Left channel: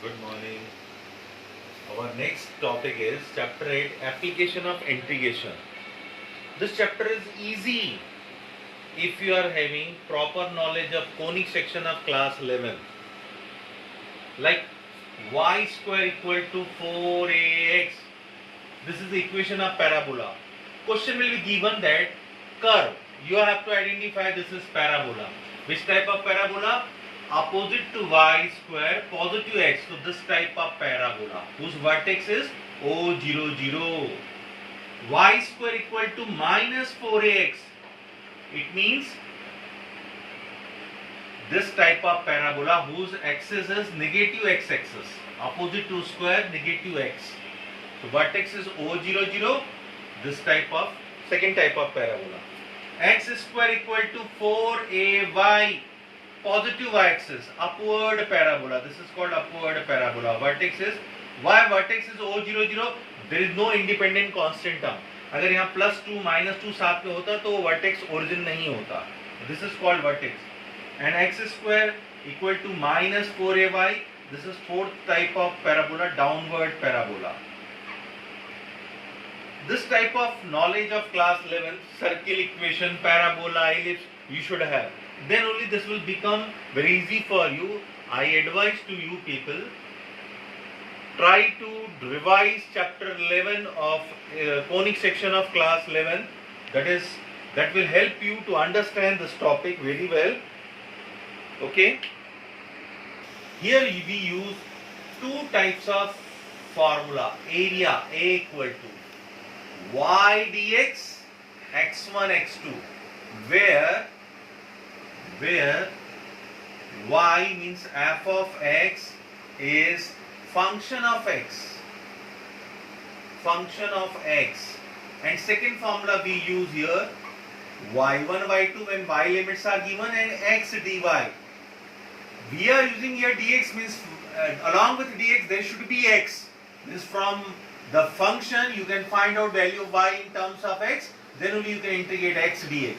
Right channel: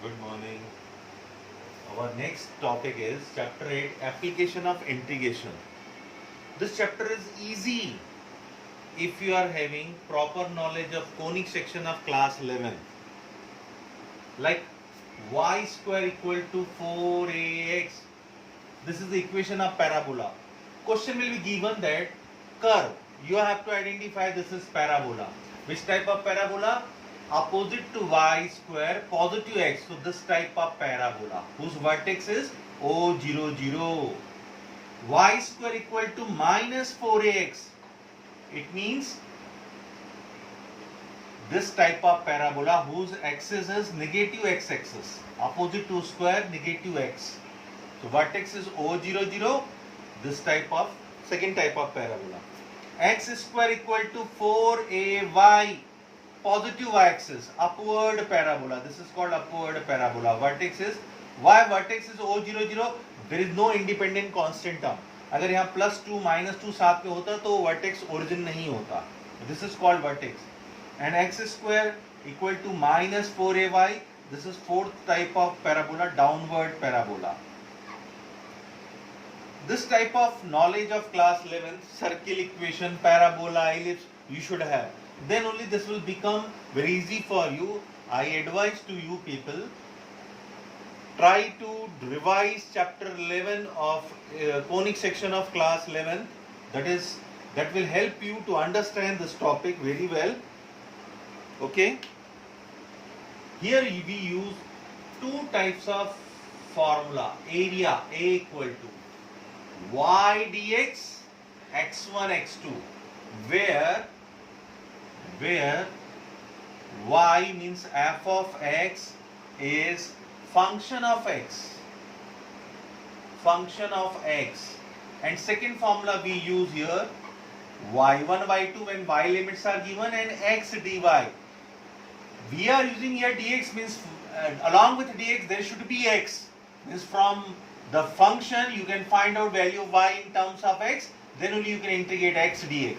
Good morning. Our next topic is chapter 8, application of integration. This chapter is easy if you are having proper knowledge of conic section of class 11. Like y square equal to 4ax. This is the equation of parabola. Question will be given that curve. You have to identify this is parabola. Which type of parabola? Opposite to y square, positive x. So this type of parabola whose vertex is O00. Y square equal to minus 4ax. It means this type of parabola whose axis is negative x-axis. Opposite to square, negative x. So vertex is O00. This type of second type of parabola. X square equal to 4ay. Positive y-axis, upward parabola. This is called upward parabola. Vertex is y vertex is O00. There is no independent constant term. अगर यहाँ +2 -2 साथ में होता तो vertex origin नहीं होता. This is called vertex. And x square equal to minus 4ay. This is fourth type of parabola, downward parabola. This type of knowledge of class 11, circle equation, parabola, ellipse, you should have. Then only this will become very easy for you. I advise to you people, try to revise chapter 11 of conic section of class 11. That will help you to understand this topic very well. Okay. Here we use two types of formula. Area A equal to y dx x1 x2, where y means f of x is function of x, and second formula we use here y1 y2 when y limits are given, and x dy. We are using here dx means along with dx there should be x. Means from the function you can find out value of y in terms of x, then only you can integrate x dx.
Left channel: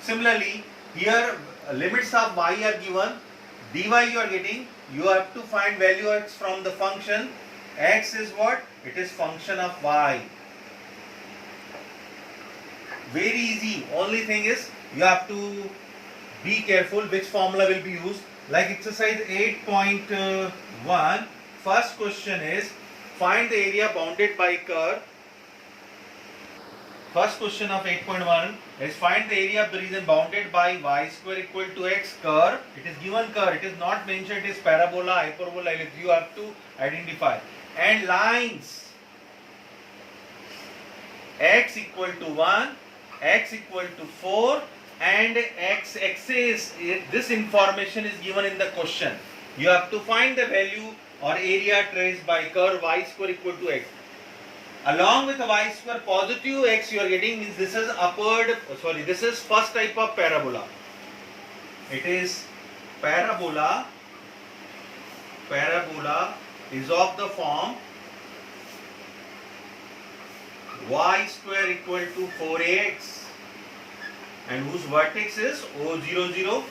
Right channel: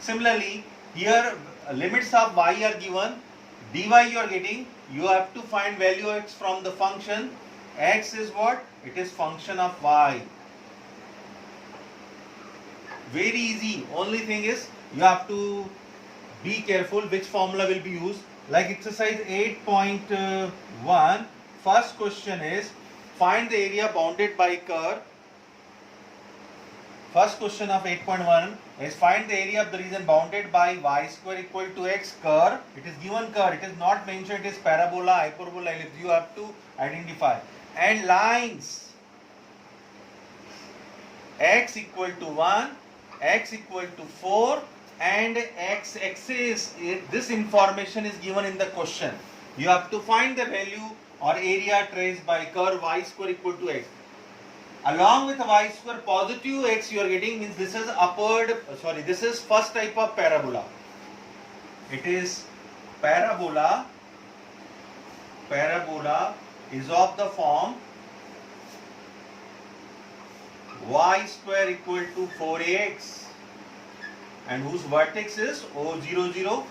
Similarly, here limits of y are given, dy you are getting, you have to find value of x from the function. X is what? It is function of y. Very easy. Only thing is you have to be careful which formula will be used. Like exercise 8.1, first question is find the area bounded by curve. First question of 8.1 is find the area of the region bounded by y square equal to x curve. It is given curve. It is not mentioned. It is parabola, hyperbola, ellipse. You have to identify. And lines. X equal to 1, x equal to 4, and x axis. This information is given in the question. You have to find the value or area traced by curve y square equal to x. Along with y square positive x you are getting, means this is this is first type of parabola. It is parabola is of the form y square equal to 4ax and whose vertex is O00,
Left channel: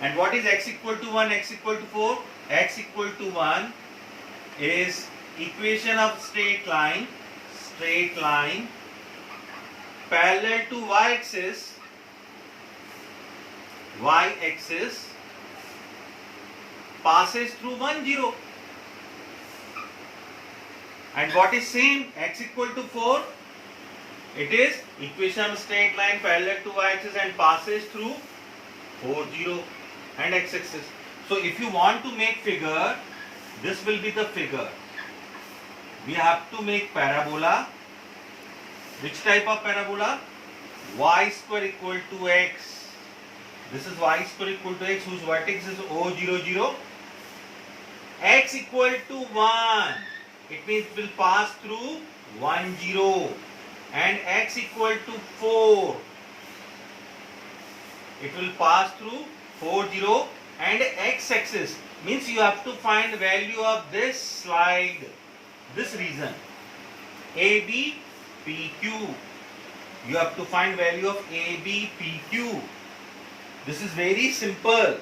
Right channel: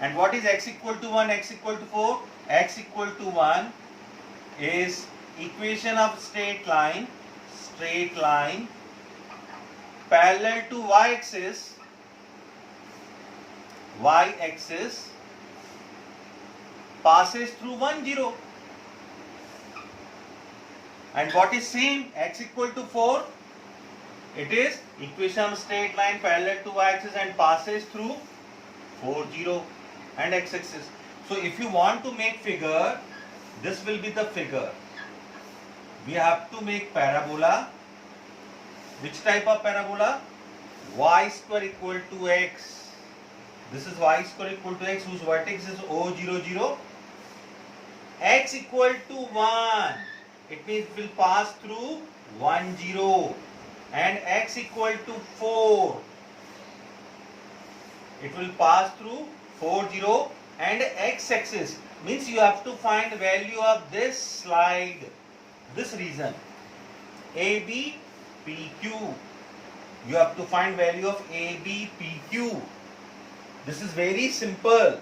and what is x equal to 1, x equal to 4? X equal to 1 is equation of straight line parallel to y-axis passes through 1 0. And what is same? X equal to 4. It is equation of straight line parallel to y-axis and passes through 4 0 and x-axis. So if you want to make figure, this will be the figure. We have to make parabola. Which type of parabola? Y square equal to x. This is y square equal to x whose vertex is O00. X equal to 1. It means it will pass through 1 0. And x equal to 4. It will pass through 4 0. And x-axis means you have to find the value of this slide, this region AB PQ. You have to find value of AB PQ. This is very simple.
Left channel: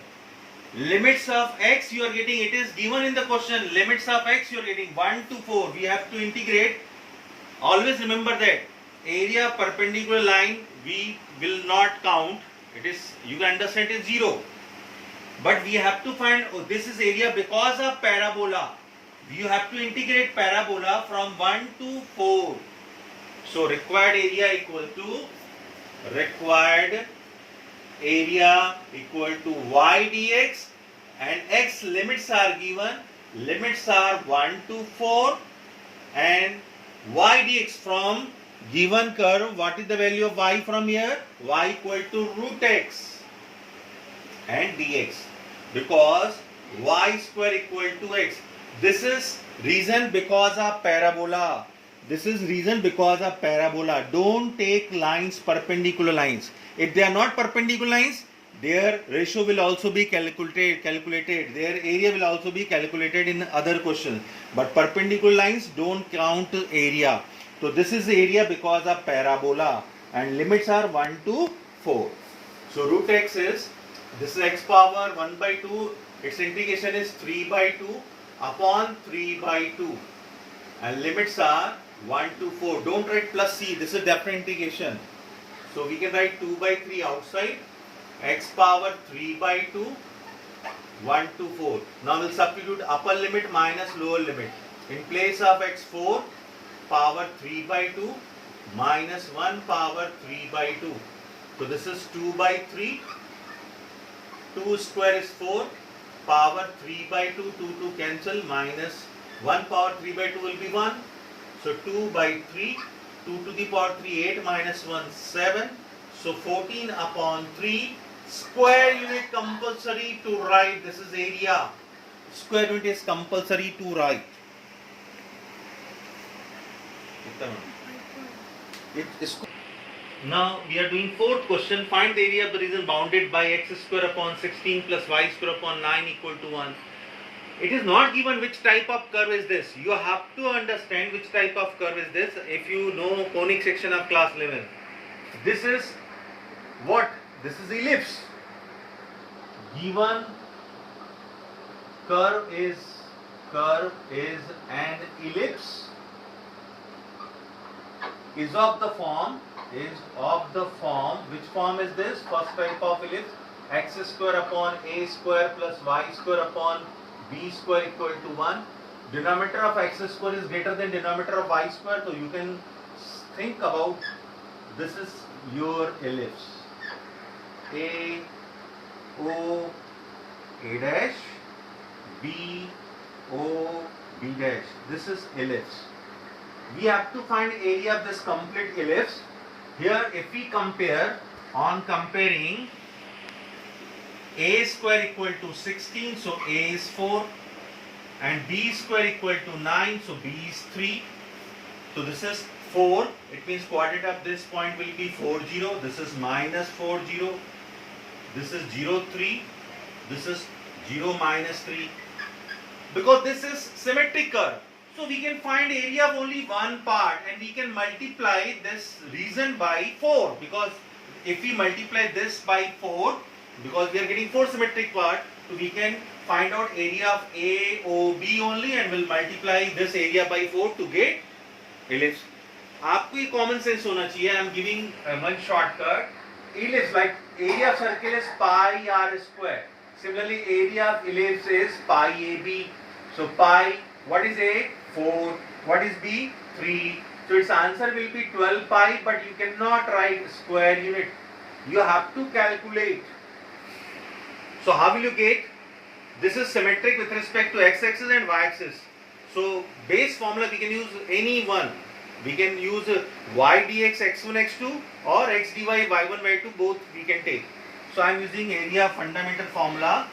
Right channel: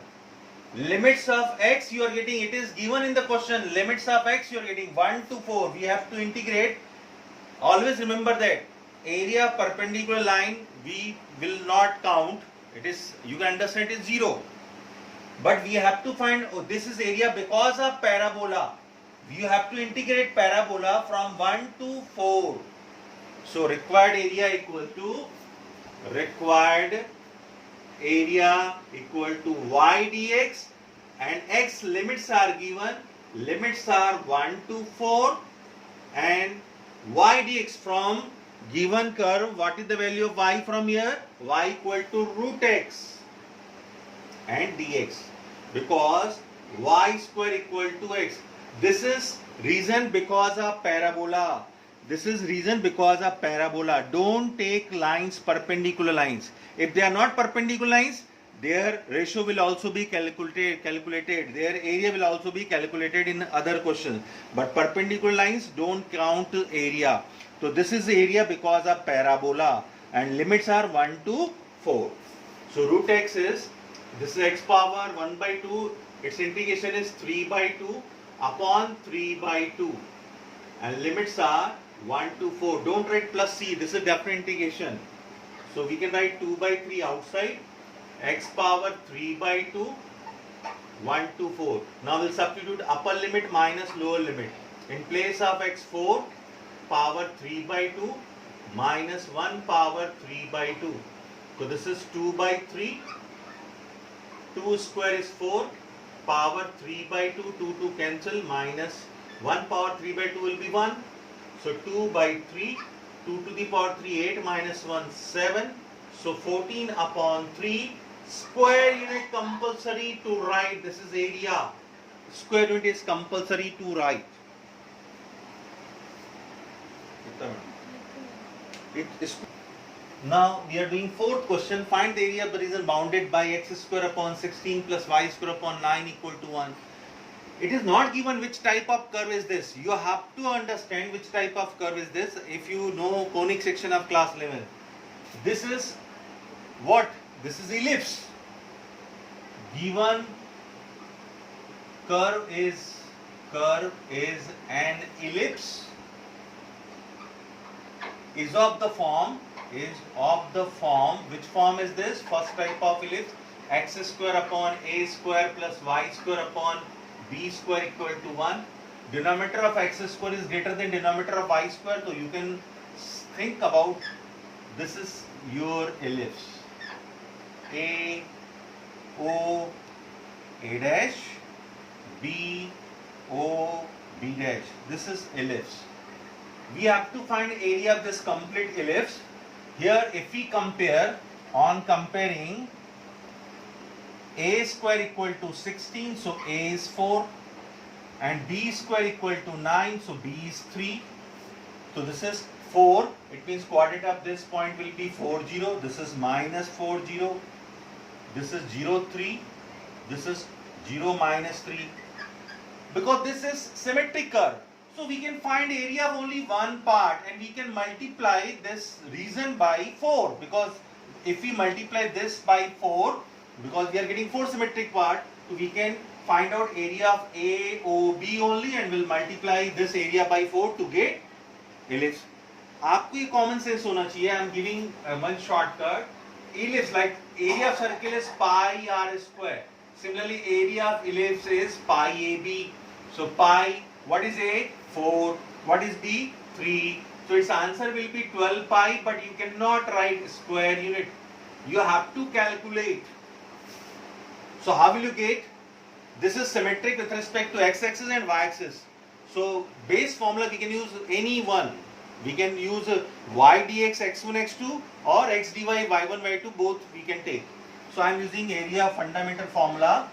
Limits of x you are getting, it is given in the question. Limits of x you are getting 1 to 4. We have to integrate. Always remember that area perpendicular line we will not count. It is, you can understand, it is 0. But we have to find, oh, this is area because of parabola. You have to integrate parabola from 1 to 4. So required area equal to y dx, and x limits are given. Limits are 1 to 4, and y dx from given curve. What is the value of y from here? Y equal to root x and dx, because y square equal to x. This is reason because of parabola. This is reason because of parabola. Don't take lines, perpendicular lines. If they are not perpendicular lines, their ratio will also be calculated. Their area will also be calculated in other questions. But perpendicular lines don't count area. So this is area because of parabola, and limits are 1 to 4. So root x is, this is x power 1 by 2. Its integration is 3 by 2 upon 3 by 2. And limits are 1 to 4. Don't write plus c. This is definite integration. So we can write 2 by 3 outside. X power 3 by 2. 1 to 4. Now we'll substitute upper limit minus lower limit. In place of x4 power 3 by 2 minus 1 power 3 by 2. So this is 2 by 3. 2 square is 4. Power 3 by 2. 2 cancel, minus 1 power 3 by 2 will be 1. So 2 by 3. 2 to the power 3, 8 minus 1, 7. So 14 upon 3. Square unit compulsory to write. This is area. Square unit is compulsory to write. Now we are doing fourth question. Find the area of the region bounded by x square upon 16 plus y square upon 9 equal to 1. It is not given which type of curve is this. You have to understand which type of curve is this. If you know conic section of class 11. This is what? This is ellipse. Given curve is an ellipse. Is of the form. Which form is this? First type of ellipse. X square upon a square plus y square upon b square equal to 1. Denominator of x square is greater than denominator of y square. So you can think about, this is your ellipse. A, O, A dash, B, O, B dash. This is ellipse. We have to find area of this complete ellipse. Here if we compare, on comparing, a square equal to 16, so a is 4, and b square equal to 9, so b is 3. So this is 4, it means coordinate of this point will be 4, 0. This is minus 4, 0. This is 0, 3. This is 0, minus 3. Because this is symmetric curve, so we can find area of only one part, and we can multiply this region by 4. Because if we multiply this by 4, because we are getting 4 symmetric part, so we can find out area of AOB only, and will multiply this area by 4 to get ellipse. आपको ये common sense होना चाहिए. I am giving one shortcut. Ellipse, like area of circle is pi r square. Similarly, area of ellipse is pi AB. So pi, what is A? 4. What is B? 3. So its answer will be 12 pi, but you cannot write square unit. You have to calculate. So how will you get? This is symmetric with respect to x-axis and y-axis. So base formula we can use any one. We can use y dx x1 x2 or x dy y1 y2, both we can take. So I am using area fundamental formula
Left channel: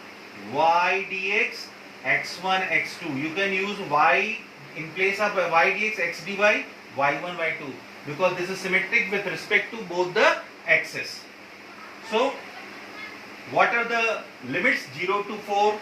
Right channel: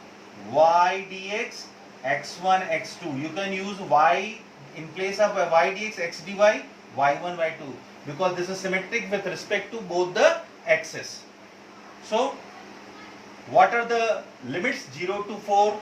y dx x1 x2. You can use y in place of y dx x dy y1 y2, because this is symmetric with respect to both the axes. So what are the limits? 0 to 4,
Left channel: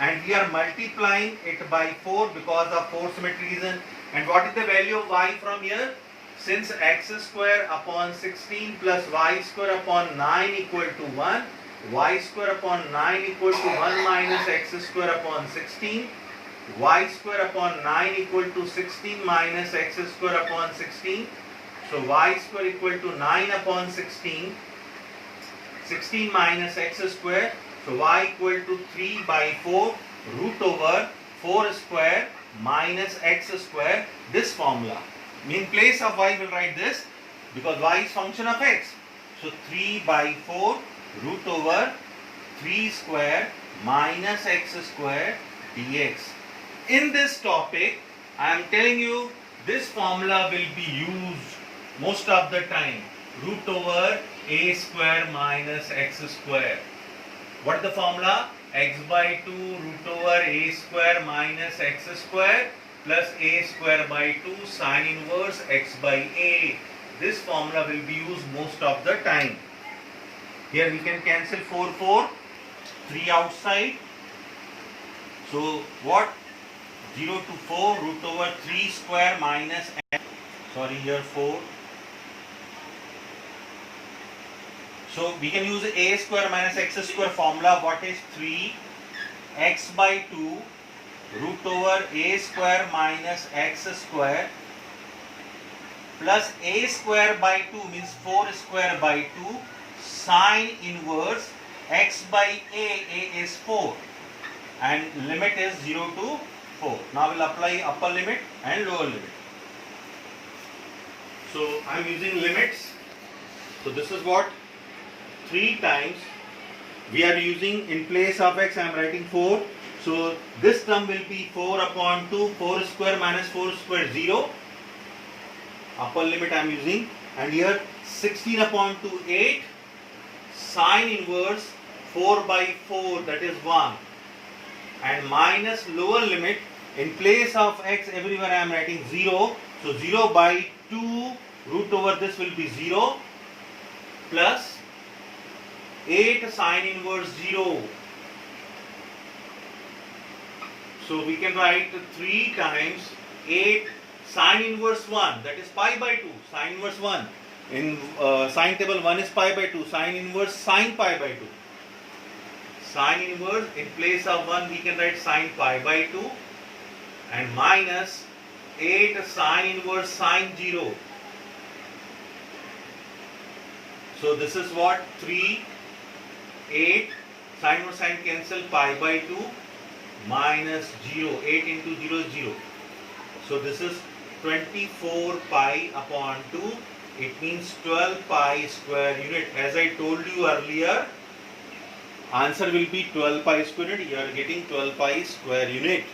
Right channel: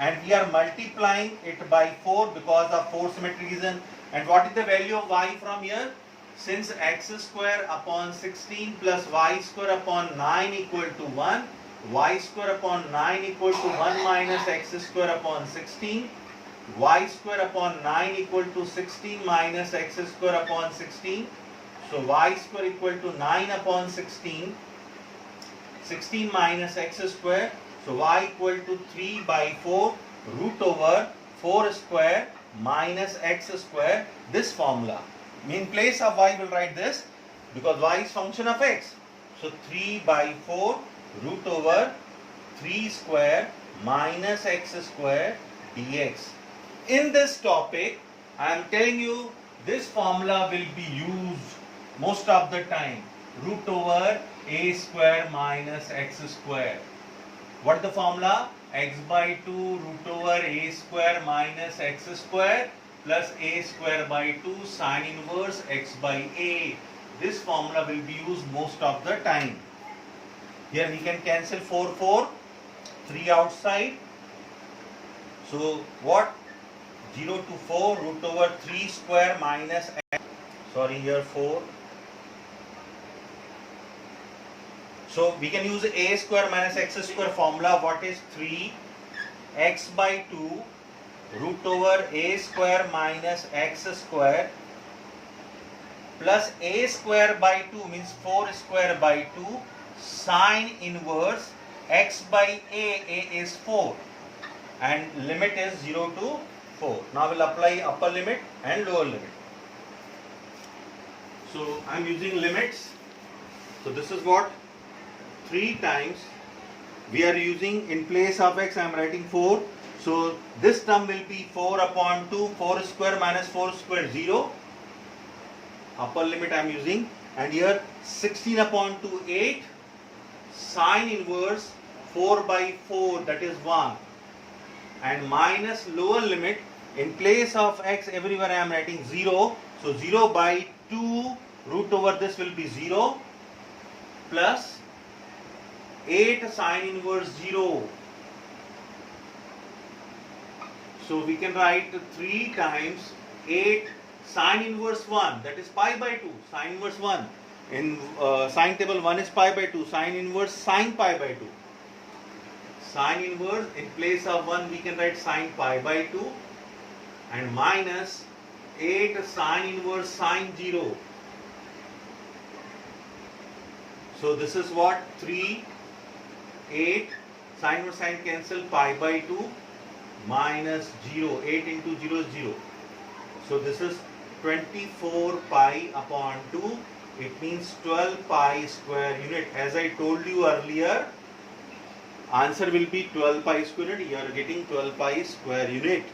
and we are multiplying it by 4 because of 4 symmetry reason. And what is the value of y from here? since x square upon 16 plus y square upon 9 equal to 1, y square upon 9 equal to 1 minus x square upon 16, y square upon 9 equal to 16 minus x square upon 16. So y square equal to 9 upon 16, 16 minus x square. So y equal to 3 by 4 root over 4 square minus x square, this formula. In place of y will write this because y is function of x. So 3 by 4 root over 3 square minus x square dx. In this topic, I am telling you this formula will be used most of the time. Root over a square minus x square. What is the formula? X by 2 root over a square minus x square plus a square by 2 sine inverse x by a. This formula will be used most of the time. Here we can cancel 4, 4, 3 outside. So what? 0 to 4 root over 3 square minus x. Sorry, here 4. So we can use a square minus x square formula. What is 3 x by 2 root over a square minus x square plus a square by 2 means 4 square by 2 sine inverse x by a is 4 and limit is 0 to 4. Now we'll apply upper limit and lower limit. So I am using limits. So this is what 3 times we are using in place of x. I am writing 4. So this term will be 4 upon 2, 4 square minus 4 square 0. Upper limit I am using, and here 16 upon 2 8 sine inverse 4 by 4, that is 1, and minus lower limit. In place of x everywhere I am writing 0. So 0 by 2 root over this will be 0 plus 8 sine inverse 0. So we can write 3 times 8 sine inverse 1, that is pi by 2, sine inverse 1. In sine table 1 is pi by 2, sine inverse sine pi by 2. Sine inverse, in place of 1 we can write sine pi by 2 and minus 8 sine inverse sine 0. So this is what 3, 8, sine inverse sine cancel, pi by 2 minus 0, 8 into 0 is 0. So this is 24 pi upon 2. It means 12 pi square unit. As I told you earlier, answer will be 12 pi square unit. You are getting 12 pi square unit.